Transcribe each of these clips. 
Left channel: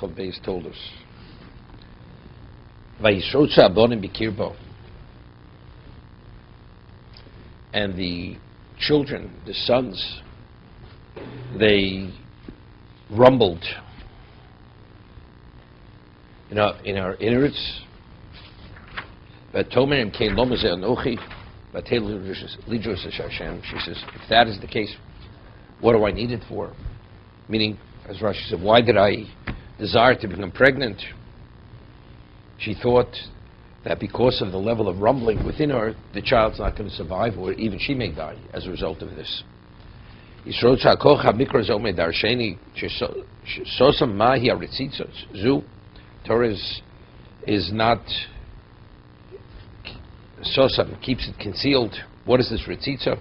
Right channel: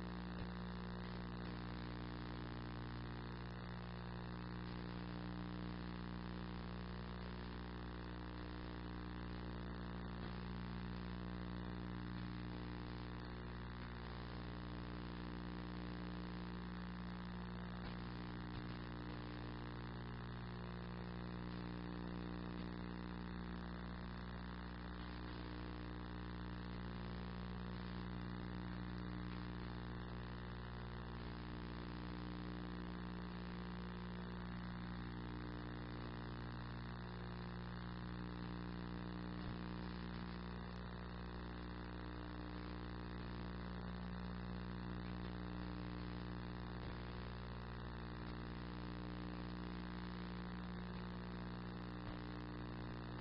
Chav Beis Toldos. Vayishrotza abonim bikirbo. And the children, the sons, they rumbled in our innards. She says, if that is the case, what do I need it for? Meaning, as Rashi said, why did I desire to become pregnant? She thought that because of the level of rumbling within her, the child's not going to survive, or even she may die as a result of this. Torah is not sosam, keeps it concealed. What is this ritzitza?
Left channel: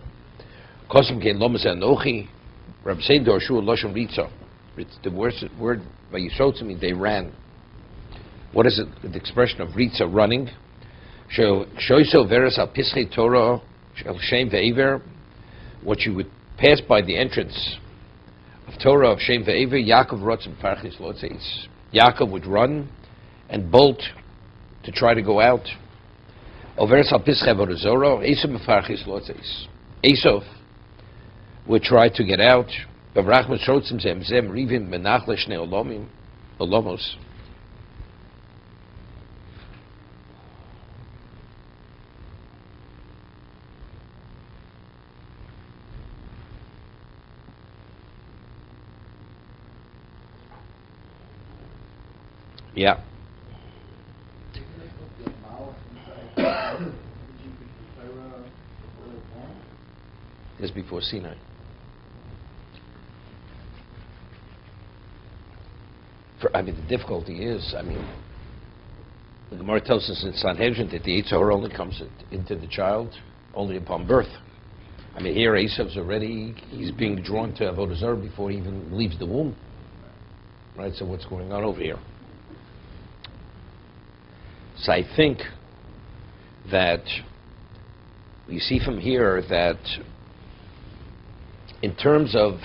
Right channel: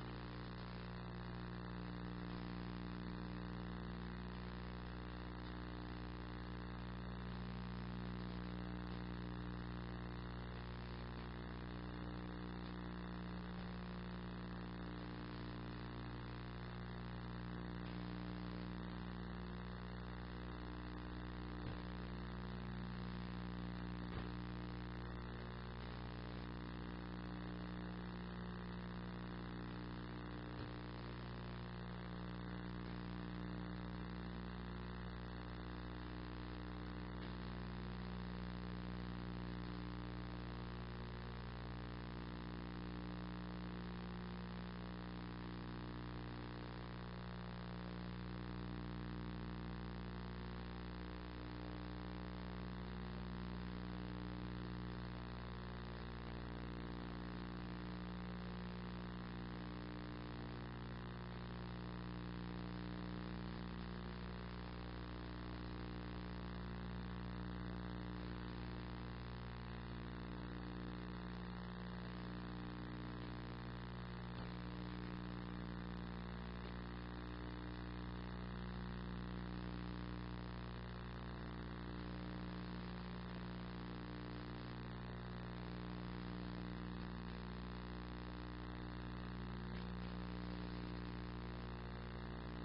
Kosam kein lomas anochi. Rabbi Sein dorshu loshon ritza. The word by Yisrotza means they ran. What is it? The expression of ritza, running. Shoiso veras al pischei Torah shel shem ve'ever. What you would pass by the entrance of Torah of shem ve'ever. Yaakov rotzim parshas lotzeis. Yaakov would run and bolt to try to go out. Esav would try to get out. Yeah. Is before Sinai. The difficulty is, the Gemara tells us in Sanhedrin that the Yetzer Hara only comes into the child only upon birth. Here Esav's already, he's being drawn to Avodah Zarah before he even leaves the womb. Right, so what's going on over here? So I think that we see from here that in terms of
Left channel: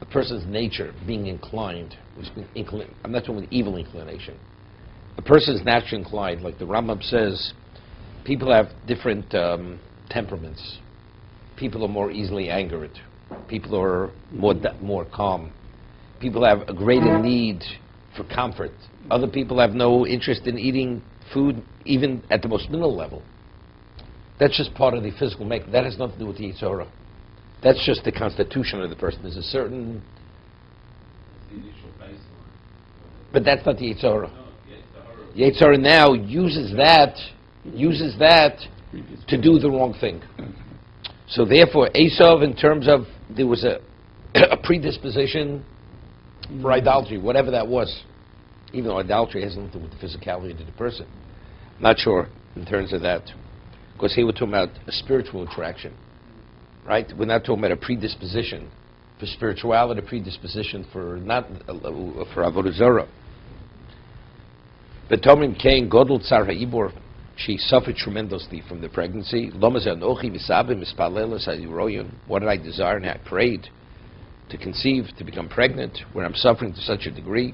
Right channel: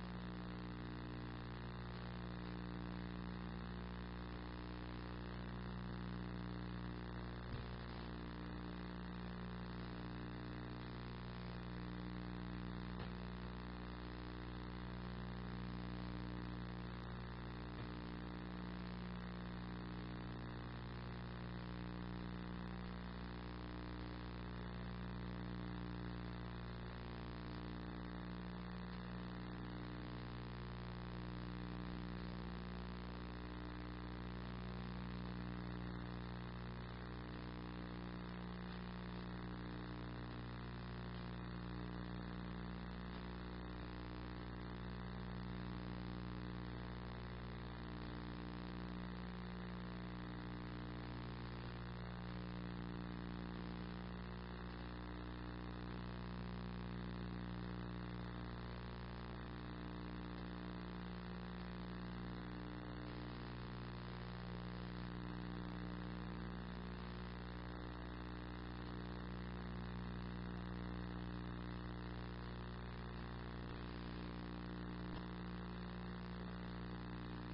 a person's nature being inclined, I'm not talking about evil inclination. A person's naturally inclined, like the Rambam says, people have different temperaments. People are more easily angered. People are more calm. People have a greater need for comfort. Other people have no interest in eating food, even at the most minimal level. That's just part of the physical makeup. That has nothing to do with the Yetzer Hara. That's just the constitution of the person. There's a certain... But that's not the Yetzer Hara. The Yetzer Hara now uses that to do the wrong thing. So therefore, Esav, in terms of, there was a predisposition for idolatry, whatever that was. Even though idolatry has nothing to do with the physicality of the person. Not sure in terms of that. Because here we're talking about a spiritual attraction. Right? We're not talking about a predisposition for spirituality, a predisposition for for Avodah Zarah. But Tomim Kain Godel Tsar Ha'ibor, she suffered tremendously from the pregnancy. What did I desire? And I prayed to conceive, to become pregnant, when I'm suffering to such a degree.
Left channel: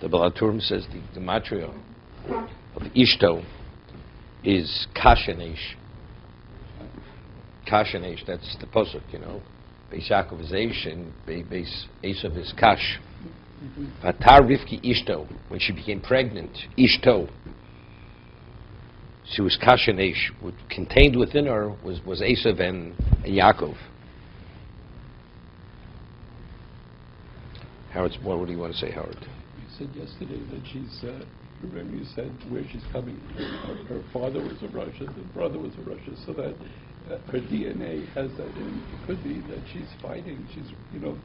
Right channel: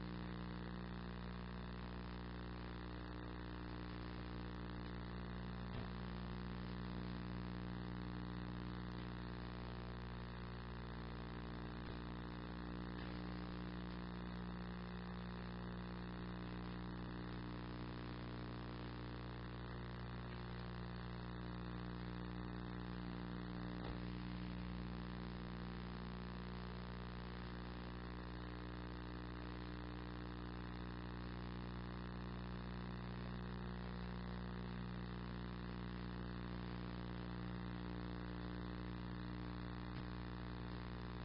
The Balaturim says the gematria of Ishto is Kashanesh. Kashanesh, that's the pasuk, Beis Yaakov is Eish and Beis Esav is Kash. Vatar Rivki Ishto, when she became pregnant, Ishto, she was Kashanesh. What contained within her was Esav and Yaakov. Howard, what do you want to say, Howard? Said yesterday that she's, remember you said where she's coming from. Her father was a Russian, her brother was a Russian, so that her DNA has that in. It could be that she's fighting, that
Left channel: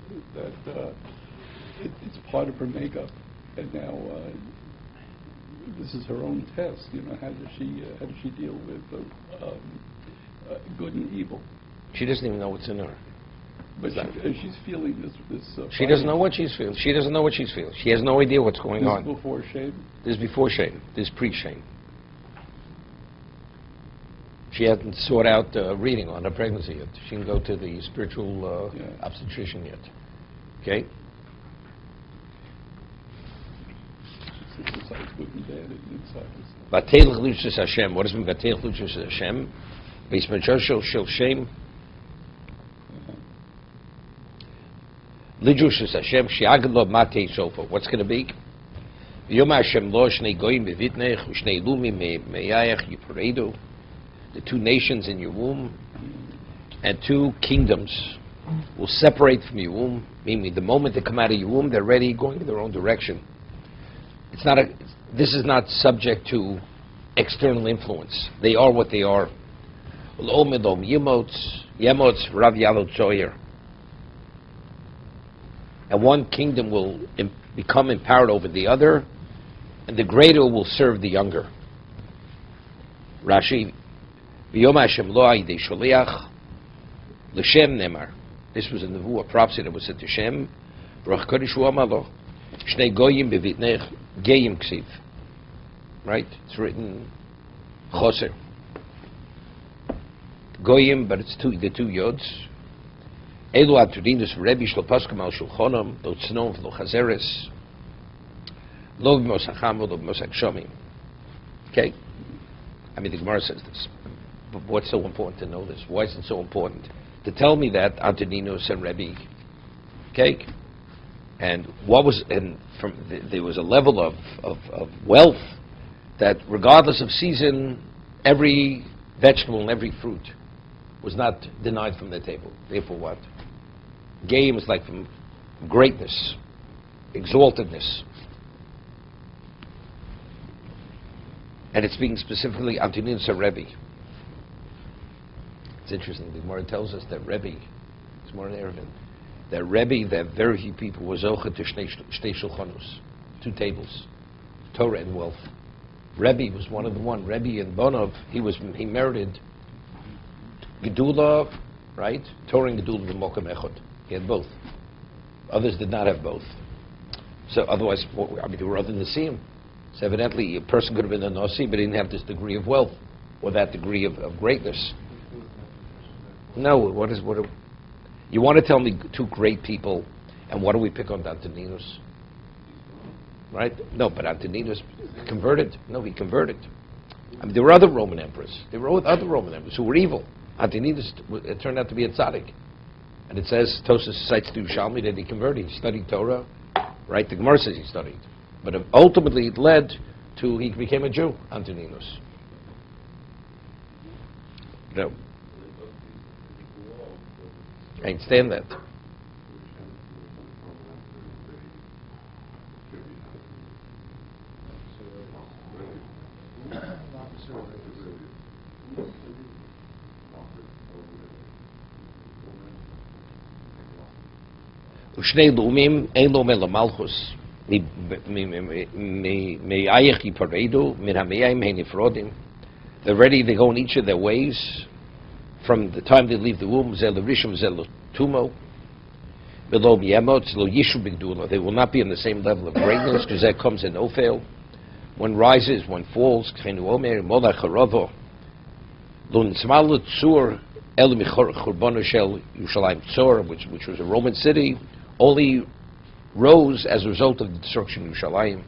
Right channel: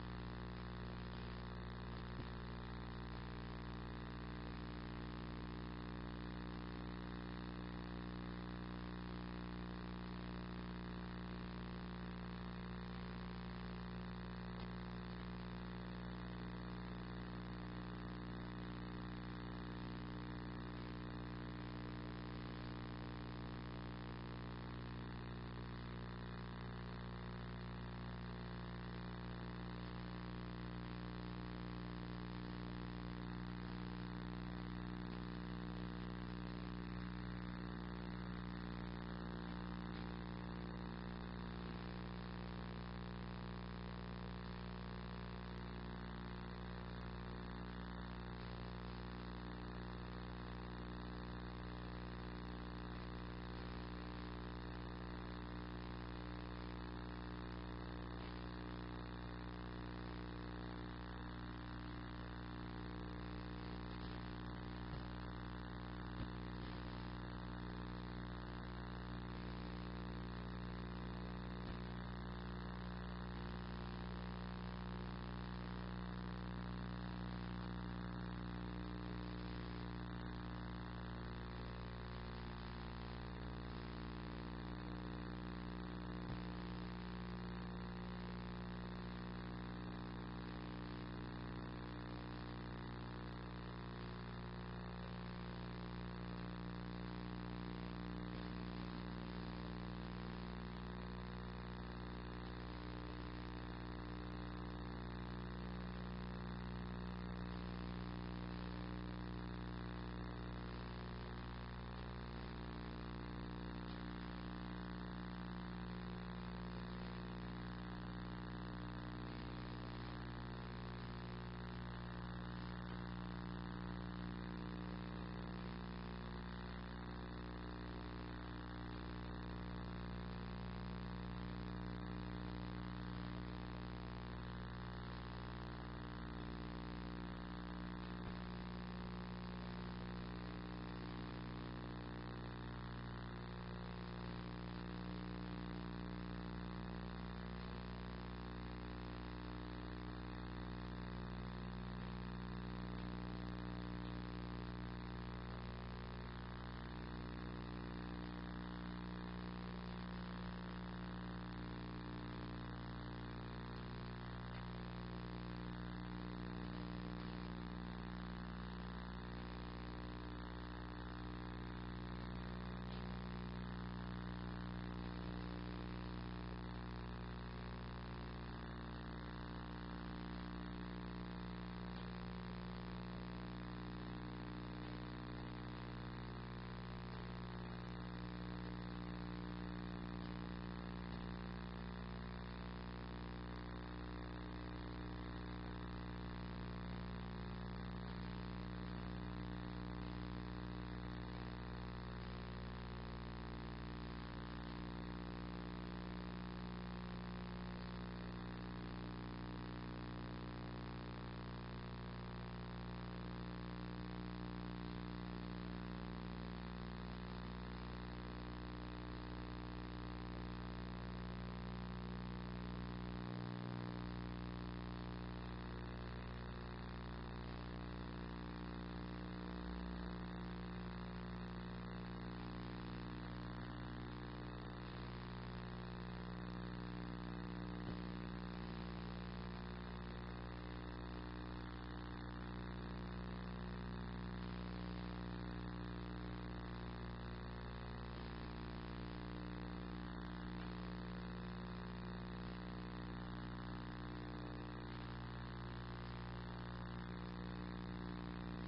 it's part of her makeup. And now this is her own test. How does she deal with good and evil? She doesn't even know what's in her. But she's feeling this. She doesn't know what she's feeling. She doesn't know what she's feeling. She has no idea what's going on. This is before shame? This is before shame. This is pre-shame. She hasn't sought out reading on her pregnancy yet. She can go to the spiritual obstetrician yet. Okay? Besides good and bad, Vatei l'chlushas Hashem. What does it mean, Vatei l'chlushas Hashem? Beis Medrash shel Shem. L'chlushas Hashem, she'agad lo matei sofa. What's going to be? V'yom Hashem lo shnei goyim bevitnech, u'shnei lumim meyayach yiparedu. The two nations in your womb and two kingdoms will separate from your womb, meaning the moment they come out of your womb, they're ready, going in their own direction. This is not subject to external influence. They are what they are. And one kingdom will become empowered over the other, and the greater will serve the younger. Rashi, V'yom Hashem lo ayidei sholiach l'Shem nemar. This was a nevuah, prophecy that was said to Shem. Ruach Kodesh hu amar lo shnei goyim bevitnech geyim ksiv. Right? It's written choser. Goyim, but it's the two yods. Elu atudinus Rebbe shlo paskum al shulchonom lo tznom v'lo chazeres lo b'mos hacham lo b'mos hakshomim. Okay? I mean, the Gemara says this. But what's so important to know this? Why is it so important? To tell me that Antoninus and Rebbe, okay? And there was a level of wealth that regardless of season, every vegetable and every fruit was not denied from their table. Therefore what? Game is like from greatness, exaltedness. And it's speaking specifically Antoninus and Rebbe. It's interesting. The Gemara tells us that Rebbe, it's more in Erevin, that Rebbe, that very few people was zocha to shtei shulchanus, two tables, Torah and wealth. Rebbe was one of the one. Rebbe and Bonov, he merited Gedula, right? Torah and Gedula v'mokem echad. He had both. Others did not have both. So otherwise, they were other Nasiim. So evidently, a person could have been a Nasi, but he didn't have this degree of wealth or that degree of greatness. No, you want to tell me two great people, and what do we pick on Antoninus? Right? No, but Antoninus converted. No, he converted. I mean, there were other Roman emperors. There were other Roman emperors who were evil. Antoninus turned out to be a tzaddik. And it says, Tosus cites to Yerushalmi that he converted. He studied Torah. Right? The Gemara says he studied. But ultimately it led to, he became a Jew, Antoninus. No. I understand that. ושני לאומים אין לו מלמלכוס מאייך יפרדו מן המיים הם נפרדים. They're ready, they go in each of their ways from the time they leave the womb. Zel rishum zel tumo below yemot lo yishu bigdula. They will not be on the same level of greatness because that comes in Ophel. One rises, one falls. Chenu omer mola charavo lo nismalu tzur el michurbono shel Yerushalayim tzor, which was a Roman city, only rose as a result of the destruction of Yerushalayim.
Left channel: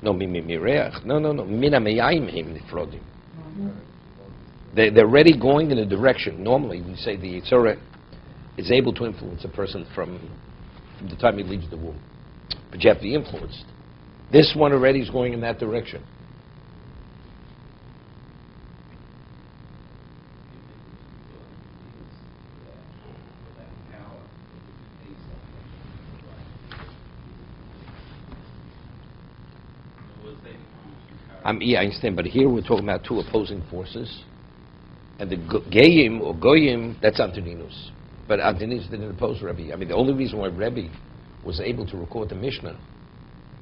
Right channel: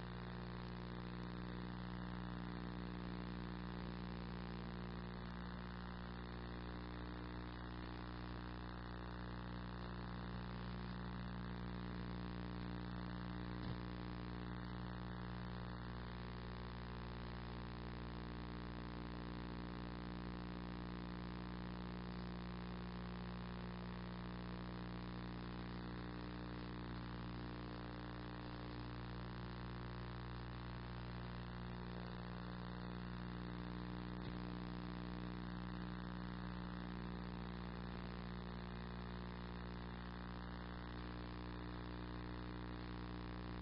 No, mireach. No. Mina meyayim him nifrodim. They're already going in a direction. Normally, we say the Yitzhara is able to influence a person from the time he leaves the womb. But you have to be influenced. This one already is going in that direction. Yeah, I understand, but here we're talking about two opposing forces, and the Geim or Goyim, that's Antoninus. But Antoninus didn't oppose Rebbe. I mean, the only reason why Rebbe was able to record the Mishnah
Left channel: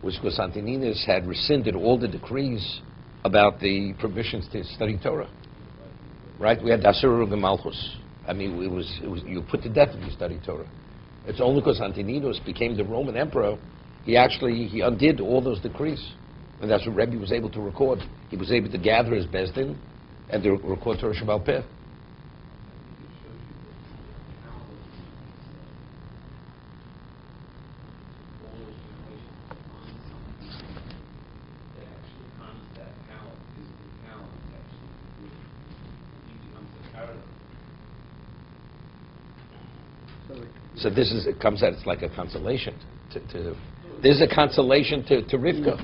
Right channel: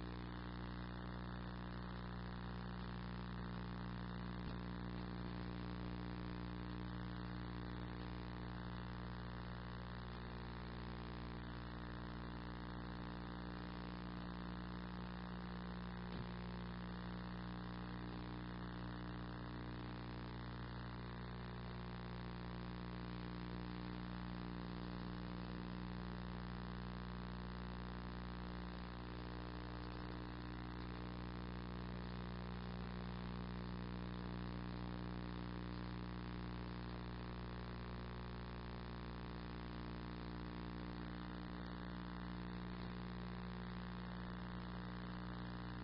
was because Antoninus had rescinded all the decrees about the permissions to study Torah. Right? We had Asur of the Malchus. I mean, it was you put to death if you studied Torah. It's only because Antoninus became the Roman emperor, he undid all those decrees. And that's what Rebbe was able to record. He was able to gather his Bezdin and to record Torah Shabbat Peh. So it comes out, it's like a consolation. There's a consolation to Rivka.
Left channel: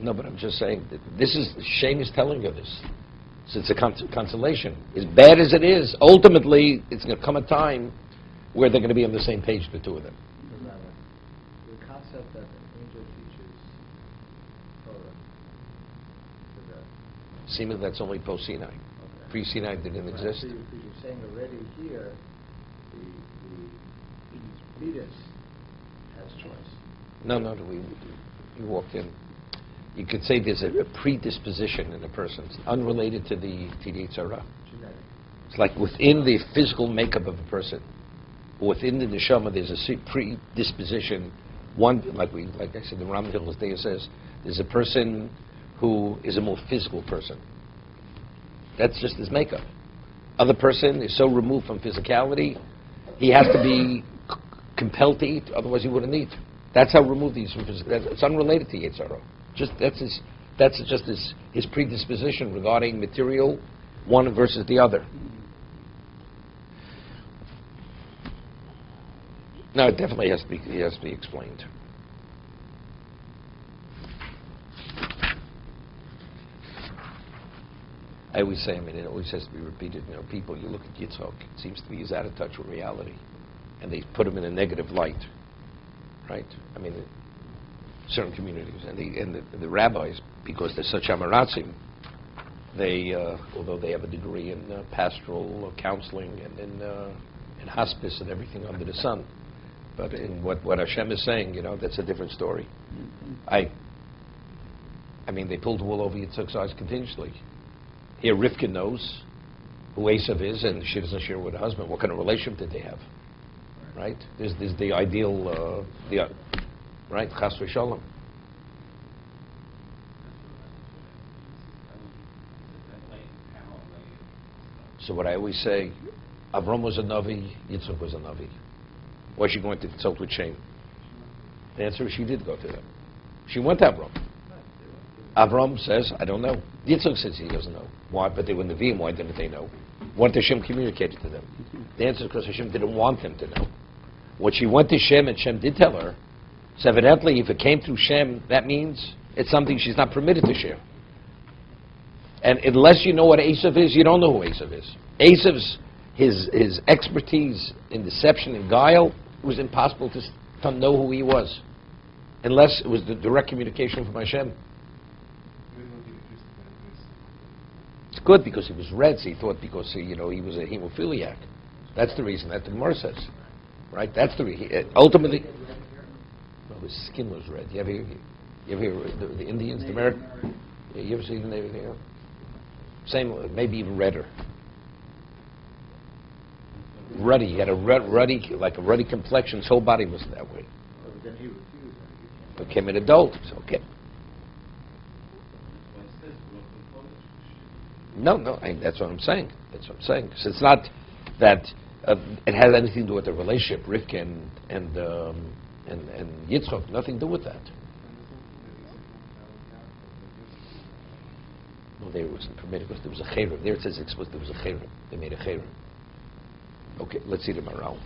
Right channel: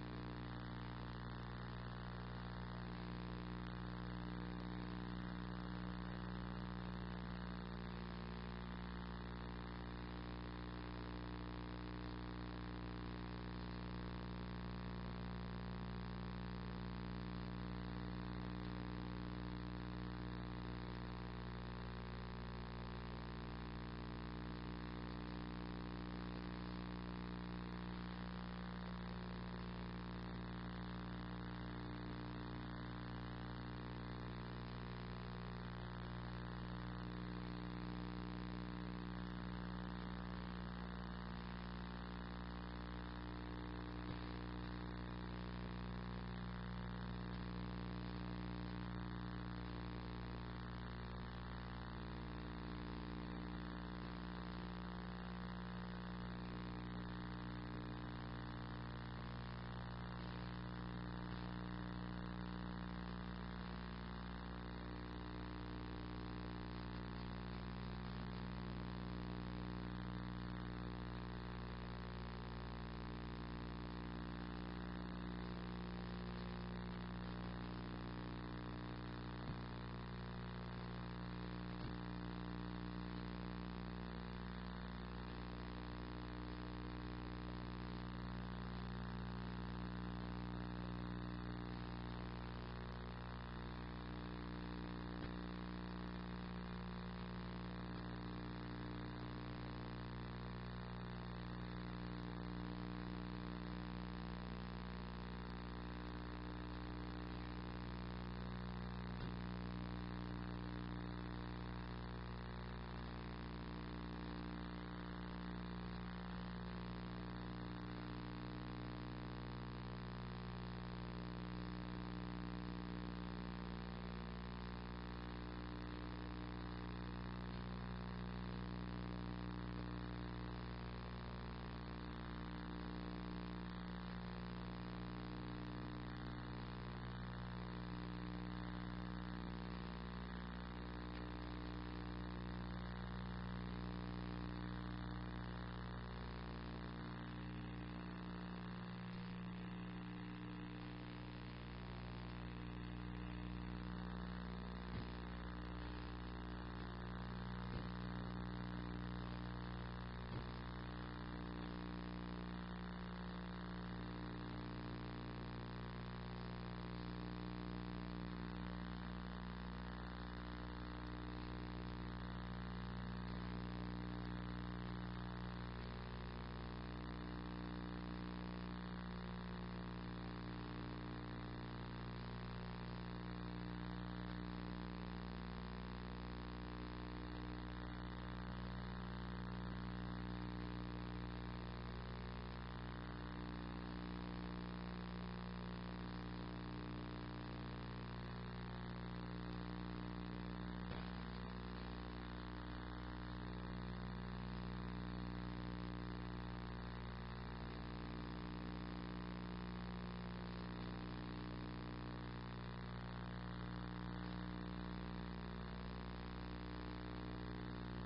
No, but I'm just saying, Shane is telling you this. So it's a consolation. As bad as it is, ultimately, it's going to come a time where they're going to be on the same page, the two of them. The concept that angel teaches Torah. Seemingly that's only post-Sinai. Pre-Sinai didn't exist. So you're saying already here, the leaders has choice. No, we walked in. You could say there's a predisposition in a person. It's unrelated to the Yitzhara. It's like within the physical makeup of a person, within the neshama, there's a predisposition. One, like I said, the Ram Hills Day says, there's a person who is a more physical person. That's just his makeup. Other person is so removed from physicality, he has to be compelled to eat, otherwise he wouldn't eat. That's how removed he is from physicality. It's unrelated to Yitzhara. That's just his predisposition regarding material, one versus the other. No, it definitely has to be explained. I always say, it always has to be repeated. People, you look at Yitzhak, it seems to be he's out of touch with reality, and they put him in a negative light, right? Certain communities and the rabbis, because they're such amaratzim, they although they have a degree in pastoral counseling and in hospice and everything under the sun, but in what Hashem is saying, that's a different story. They pulled the wool over Yitzchak's eyes continuously. Here, Rivka knows who Esav is, and she doesn't share with her husband. What kind of relationship did they have? Right? There's the ideal, right? Chas v'shalom. So what I always say, Avram was a Navi, Yitzchak was a Navi. Why is she going to consult with Shem? The answer is she did go to them. She went to Avram. Avram says, I don't know. Yitzchak says he doesn't know. Why? But they were Nevi'im, why didn't they know? What did Hashem communicate to them? The answer is because Hashem didn't want them to know. When she went to Shem and Shem did tell her, so evidently if it came through Shem, that means it's something she's not permitted to share. And unless you know what Esav is, you don't know who Esav is. Esav's, his expertise in deception and guile, it was impossible to know who he was. Unless it was the direct communication from Hashem. It's good because he was red, so he thought because he was a hemophiliac. That's the reason that the Gemara says. Right? That's the reason. Ultimately, his skin was red. You ever hear the Indians, the Americans? You ever see them? Same, maybe even redder. Ruddy. He had a ruddy complexion. His whole body was that way. Became an adult. So, okay. No, that's what I'm saying. So it's not that it has anything to do with the relationship, Rivka and Yitzchak. Nothing to do with that. Well, there wasn't permitted because there was a chayrim. There it says explicitly there was a chayrim. They made a chayrim. Okay, let's see the morale.